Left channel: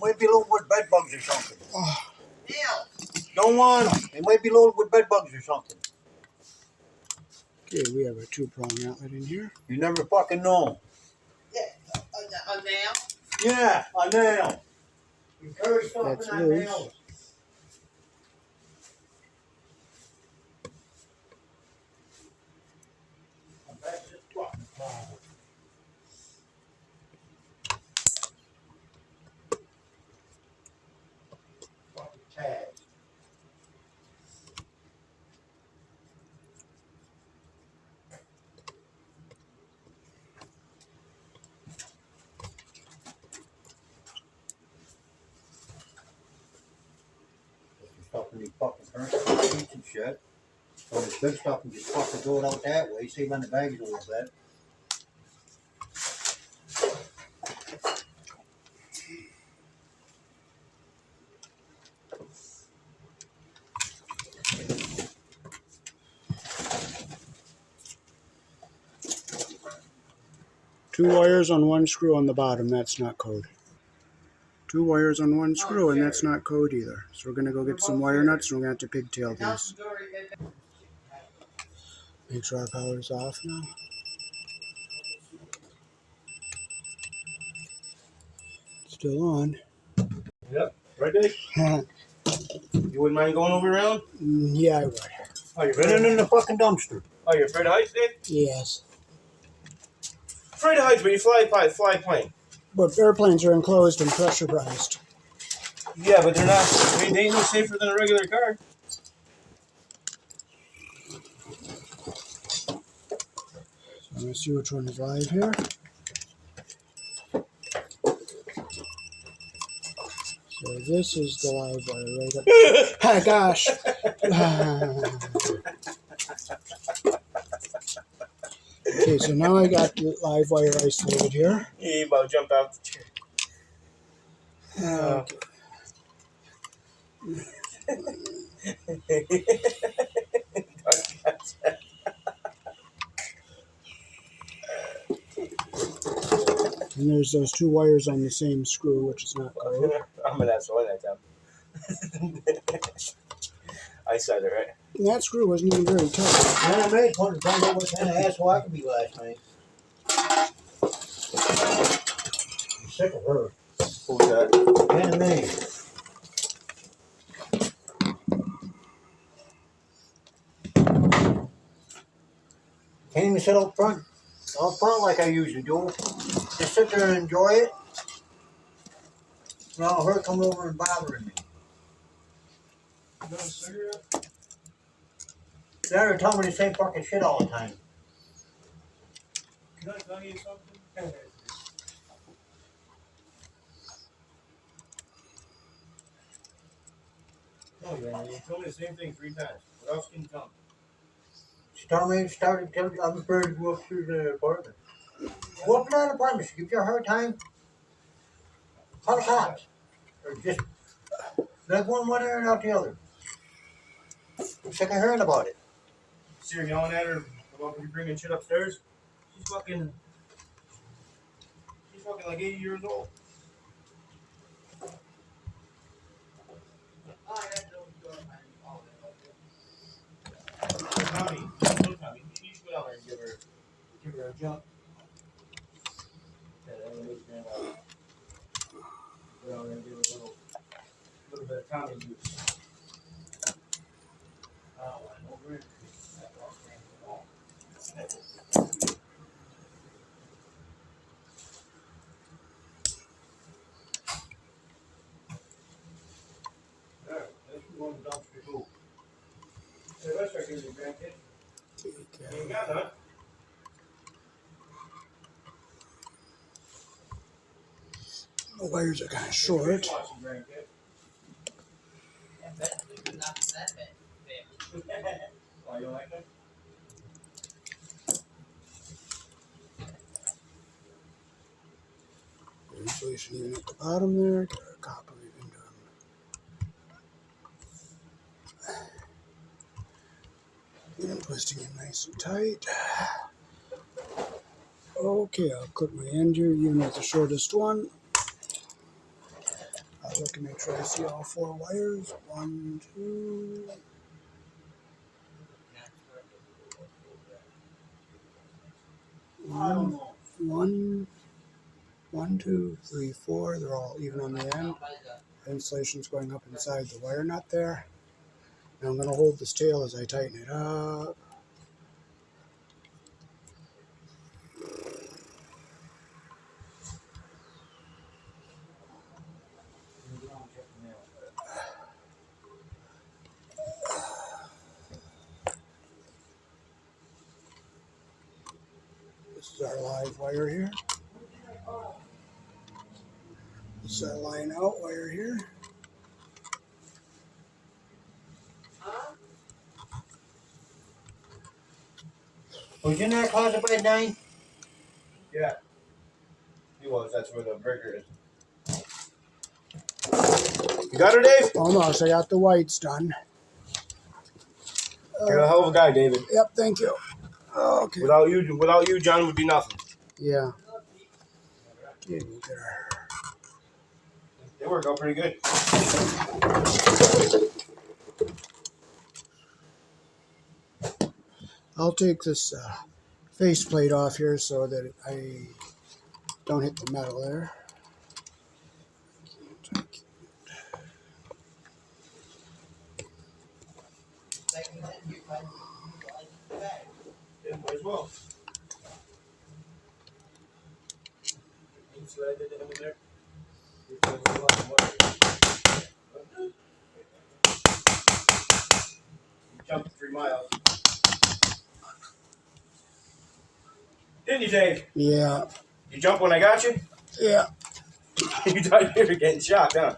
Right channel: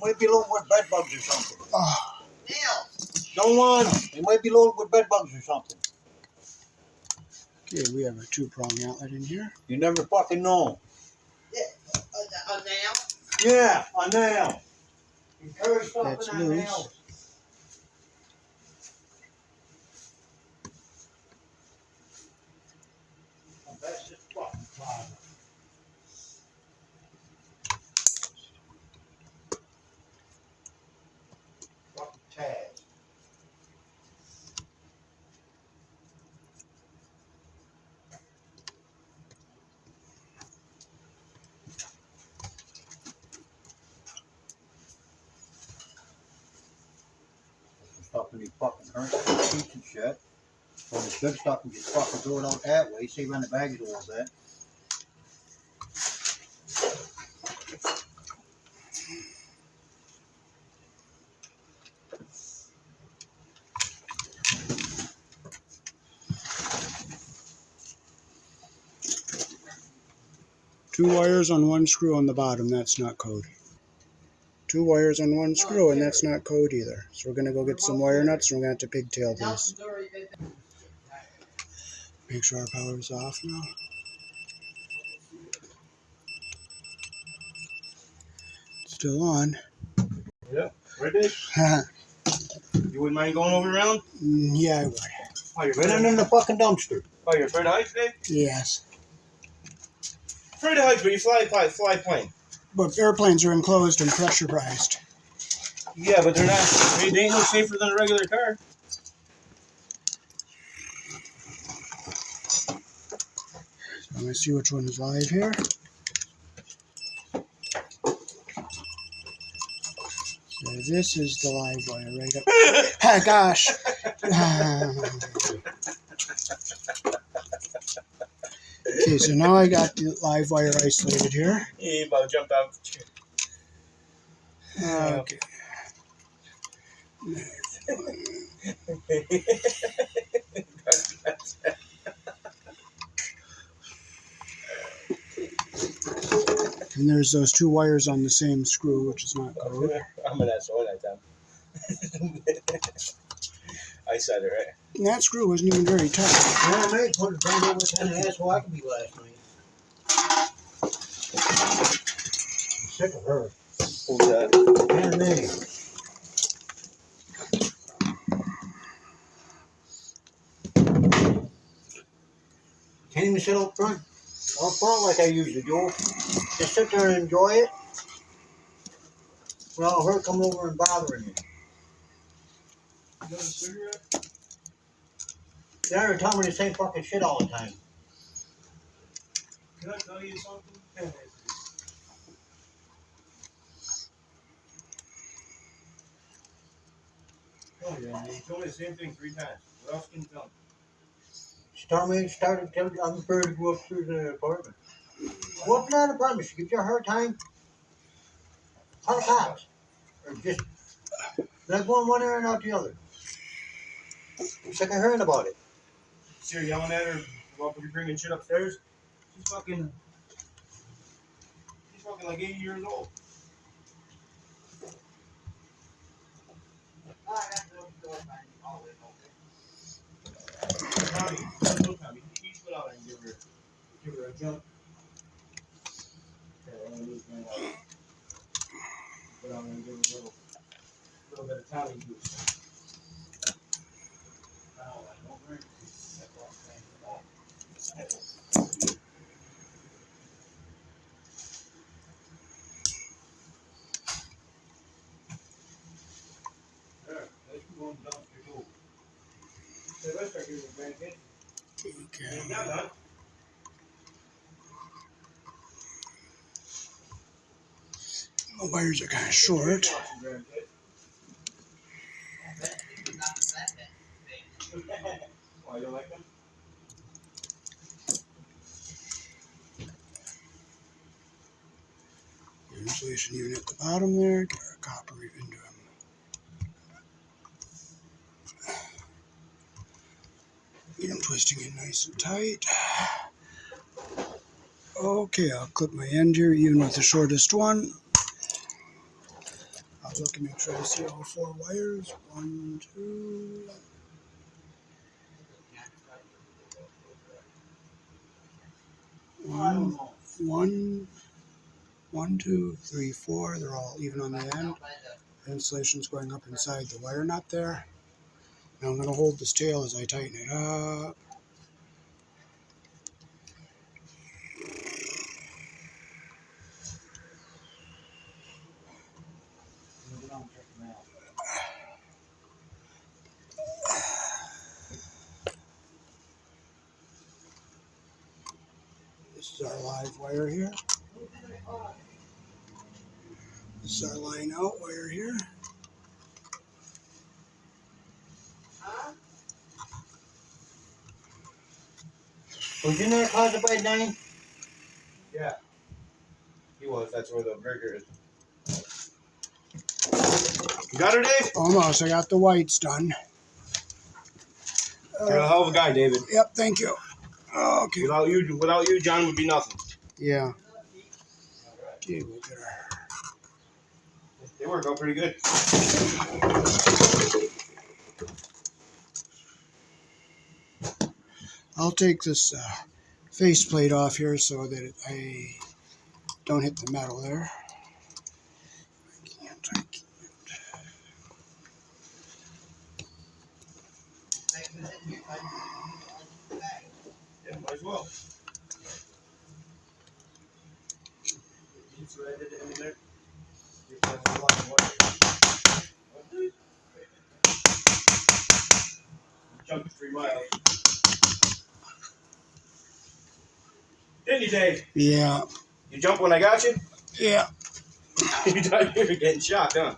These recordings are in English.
Might be loaded with bed bugs or something. Oh. Don't want them. They might be loaded with bed bugs or something. Okay, we have a 2-prong outlet in here. You never fucking know. Yeah, a nail? Yeah, a nail. You carry stuff It's in that loose. nail. That's just fucking problem. Fucking tags. Stuff in these fucking current sheets and shit. All this big stuff and just fucking throw it out that way, save on the bags a little bit. Two wires on one screw on the bottom, that's not code. 2 wires on one screw, and that's not code either. So we're gonna go get some wire nuts and we're gonna have to pigtail these. Make sure our power's off now. Still on. Yep. Right, Dave? You wouldn't mind going over around? Yeah, I would. Oh, you're Running in the fucking dumpster. Oh, you're afraid of heights, Dave? Yes. Afraid of heights, but you fly plane. But airplanes are enclosed and pressurized. Yeah, but they're not. They ain't no safer than a regular car. So let me see which one is live here. So this is the live wire right up. Ah, gosh. Okay, so now I got the live wire isolated here. He about jumped out the chair. Okay. And there's those 2 wires on the same screw, which is not code. I'm an asshole that time. I said it, right? And that screw wasn't even very tight. Yeah, I made one to find out what kind of asshole I could be last night. I'm sick of her. Who's that? Anna Mae. Can't even sit up front like I usually do. Just sit there and enjoy it. Well, her coming over and bothering me. You got a cigarette? They're telling me the same fucking shit all the time. Can I tell you something? Oh yeah, you told me the same thing 3 times. What else can you tell me? She told me, started telling me I'm afraid to go up through the apartment. Go up to that apartment. She gives you a hard time. Call the cops. Or just let one ear and out the other. I'm sick of hearing about it. See her yelling at her about you bringing shit upstairs? She's fucking like 80 years old. Tommy, you should go down there and give her a jump. Yeah, that one is gonna like go down there and give her a little bit of Tommy juice. Oh, I know, Brent. That walk ran the wall. There, let's go on the dumpster too. Hey, let's start giving you grandkids. Okay. You got none. The wires are kind of short. Why, you don't like them? Insulation even at the bottom there. Get our copper into them. And twisting in nice and tight. Okay, I'll clip my end here even with the shortest one. looking to make sure I see all 4 wires. 1, 2. I don't know. 1, 1, 2, 3, 4. They're all even on the end. Insulation's going up inside the wire nut there. Now I'm going to hold this tail as I tighten it up. This is our live wire here. This is our line out wire here. Was you in that closet by 9? Yeah. He was. That's where the burger is. You got her, Dave? Almost. I got the whites done. You're a hell of a guy, David. Yep, thank you. Okay. Without you, John would be nothing. Yeah. Okay, we'll get her. They work out pretty good. I'll take this faceplate off here so that I don't hit the metal there. I can't. Yeah, might as well. You see what I did to him in there? You jumped 3 miles. Didn't you, Dave? Yeah. You jumped when I got you? Yeah. You thought you were getting shocked, huh?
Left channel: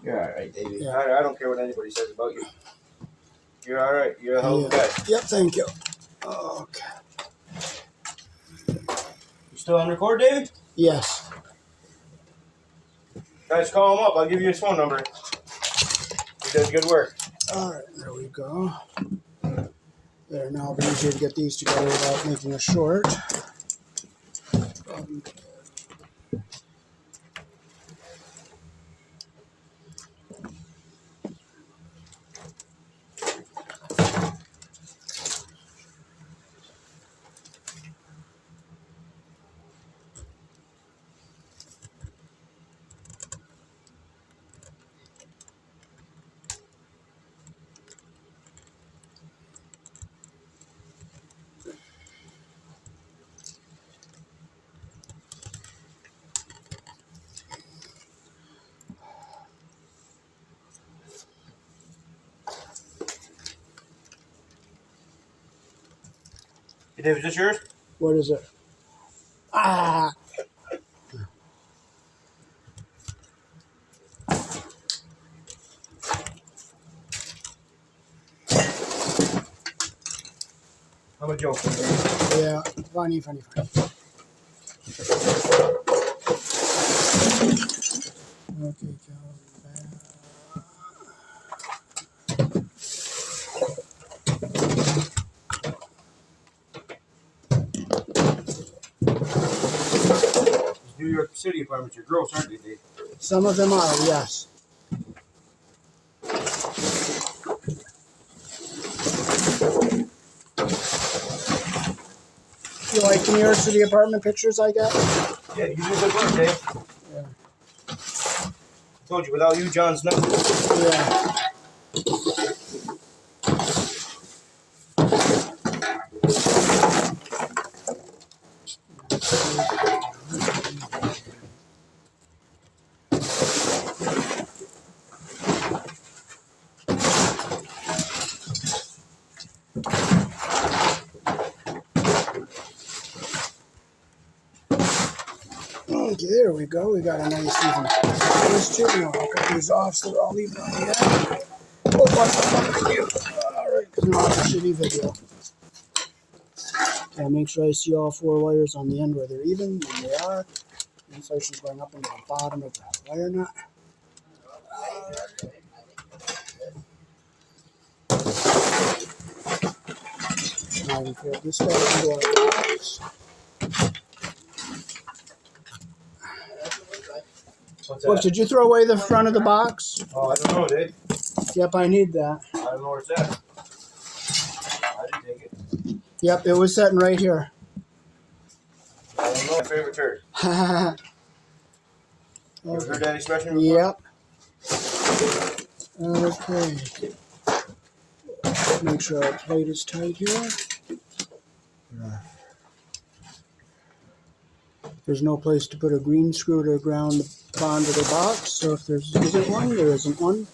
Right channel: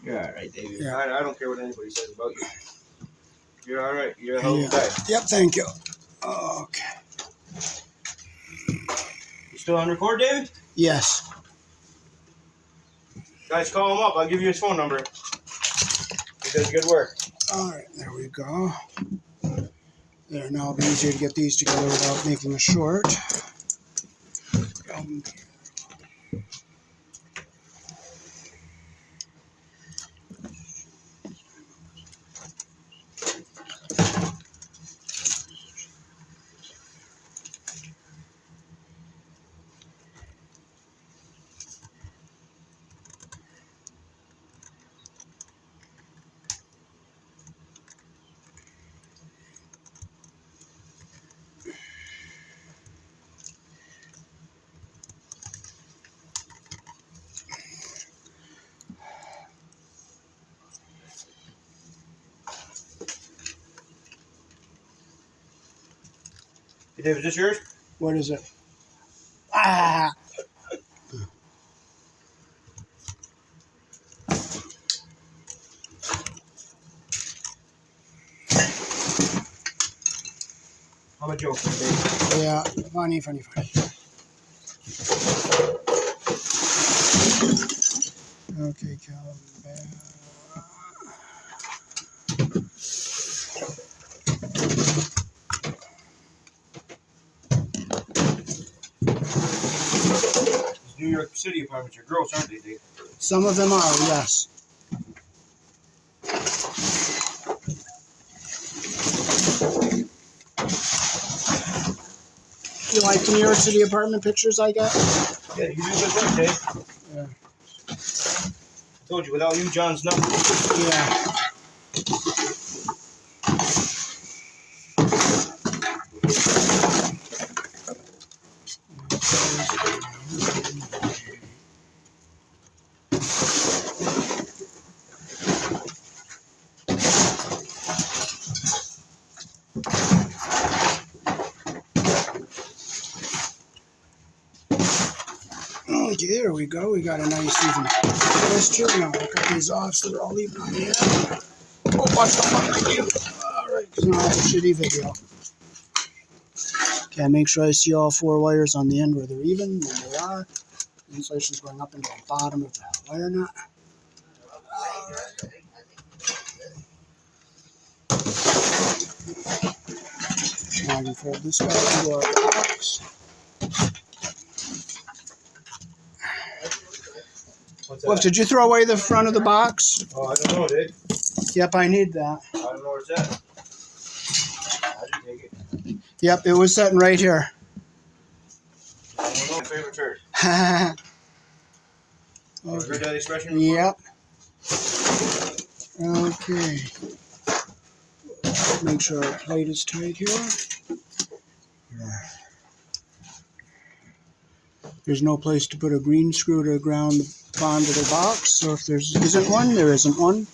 You're all right, David. Yeah. I don't care what anybody says about you. You're all right. You're a hell of a guy. Yep, thank you. Okay. You still on record, David? Yes. Guys, call him up. I'll give you his phone number. He does good work. All right, there we go. There, now it'll be easier to get these together without making a short. Hey, Dave, is this yours? What is it? Ah! I'm a joker. Yeah, funny. Okay, Calvin. These New York City apartments are gross, aren't they, Dave? Some of them are, yes. You like the New York City apartment pictures I got? Yeah, you do good work, Dave. Yeah. I told you, without you, John's nothing. Yeah. Okay, there we go. We got a nice even those two. Now I'll cut these off so they're all even on the end. Oh, thank you. Alright, because now it's a shitty video. Okay, make sure I see all 4 wires on the end where they're even, and they are. The insulation's going up into the bottom of the wire nut. Now we can fold this back into our box. What's Look, that? did you throw away the front of the box? Oh, I don't know, dude. Yep, I need that. I don't know where it's at. I didn't take it. Yep, it was sitting right here. I don't know. My favorite turd. Ever heard that expression before? Yep. Okay. Make sure our plate is tight here. There's no place to put a green screw to ground the bond of the box, so if there isn't one, there isn't one.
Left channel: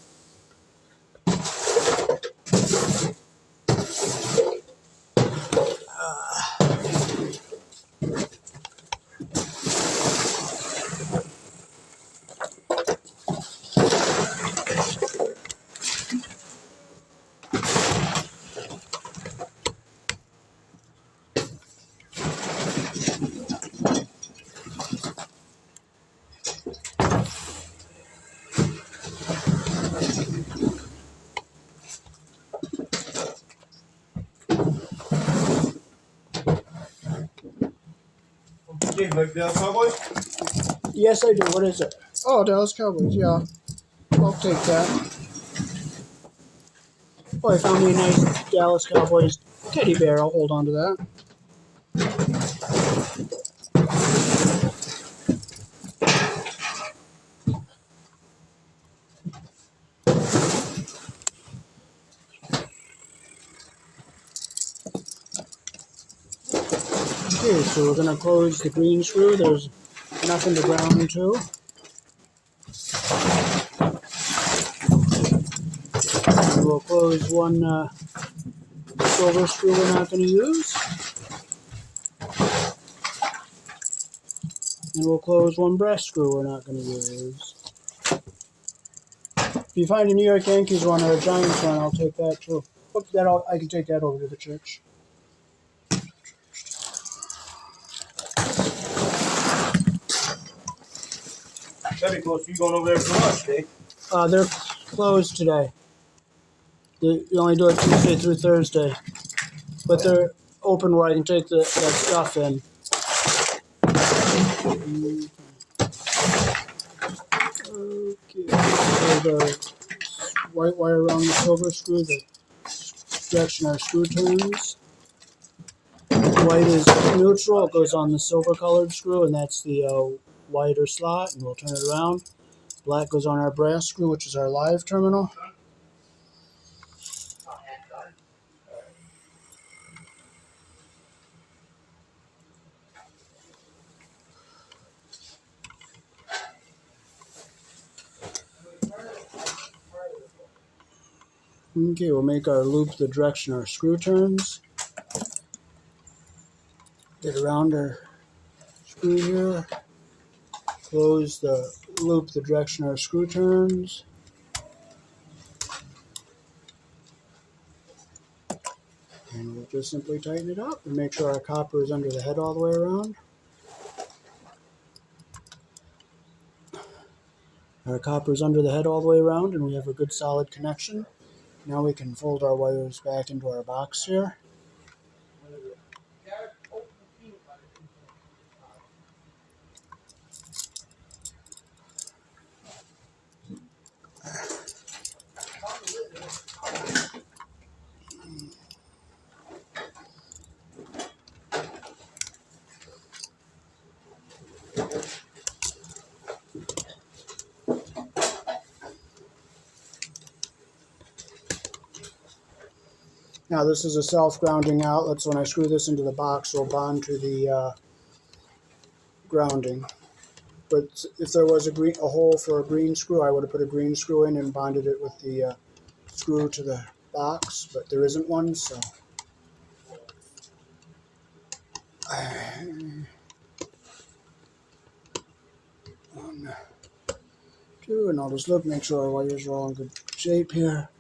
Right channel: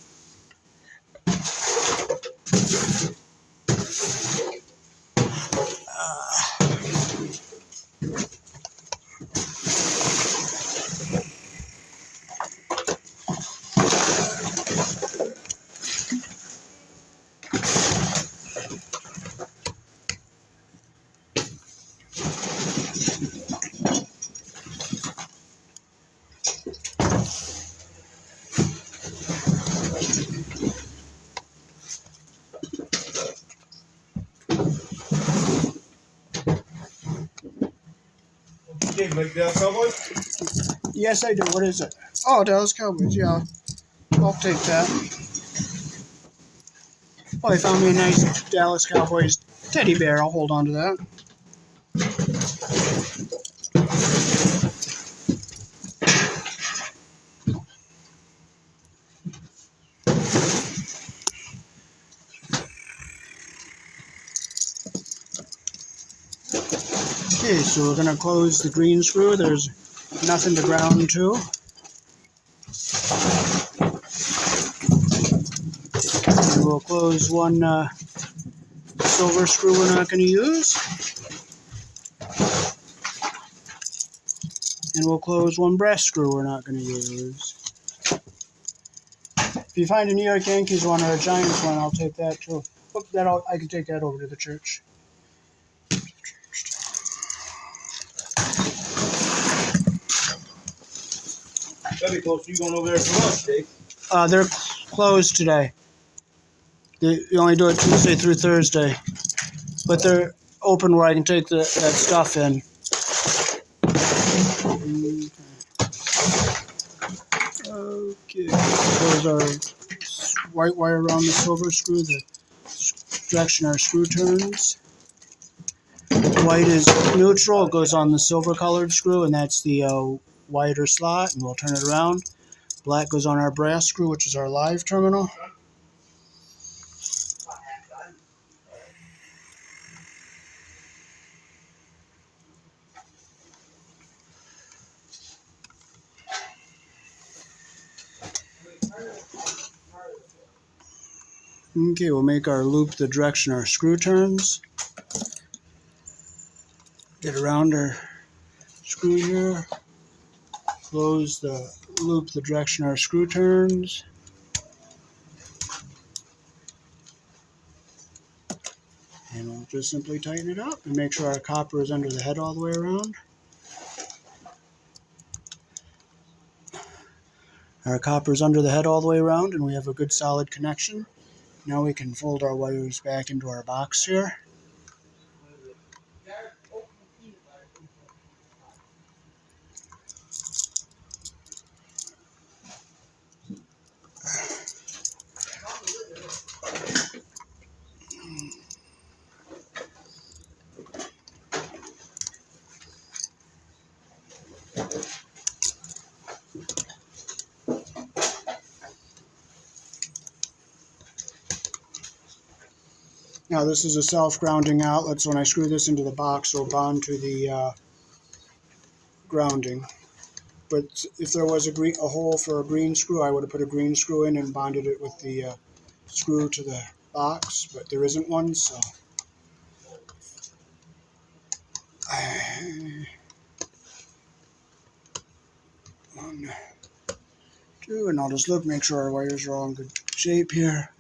Okay, like the Cowboys? Yes, I do. What is it? Oh, Dallas Cowboys, yeah. I'll take that. Oh, I found me a nice Dallas Cowboys teddy bear. I'll hold on to that. Okay, so we're going to close the green screw. There's nothing to ground to. And we'll close one silver screw we're not going to use. And we'll close one brass screw we're not going to use. If you find a New York Yankees one or a Giants one, I'll take that too. I can take that over to the church. That'd be close to you going over there for lunch, Dave. They're closed today. They only do it Tuesday through Thursday. But they're open where I can take that stuff in. Okay, there's our white wire around the silver screw, the direction our screw turns. White is neutral, it goes on the silver colored screw, and that's the wider slot, and we'll turn it around. Black goes on our brass screw, which is our live terminal. Okay, we'll make our loop the direction our screw turns. Get around our screw here. Close the loop the direction our screw turns. And we'll just simply tighten it up and make sure our copper is under the head all the way around. Our copper is under the head all the way around and we have a good solid connection. Now we can fold our wires back into our box here. Now this is a self-grounding outlet, so when I screw this into the box, it'll bond to the grounding. But if there was a hole for a green screw, I would have put a green screw in and bonded it with the screw to the box, but there isn't one, so. 1, 2, and I'll just look, make sure our wires are all in good shape here.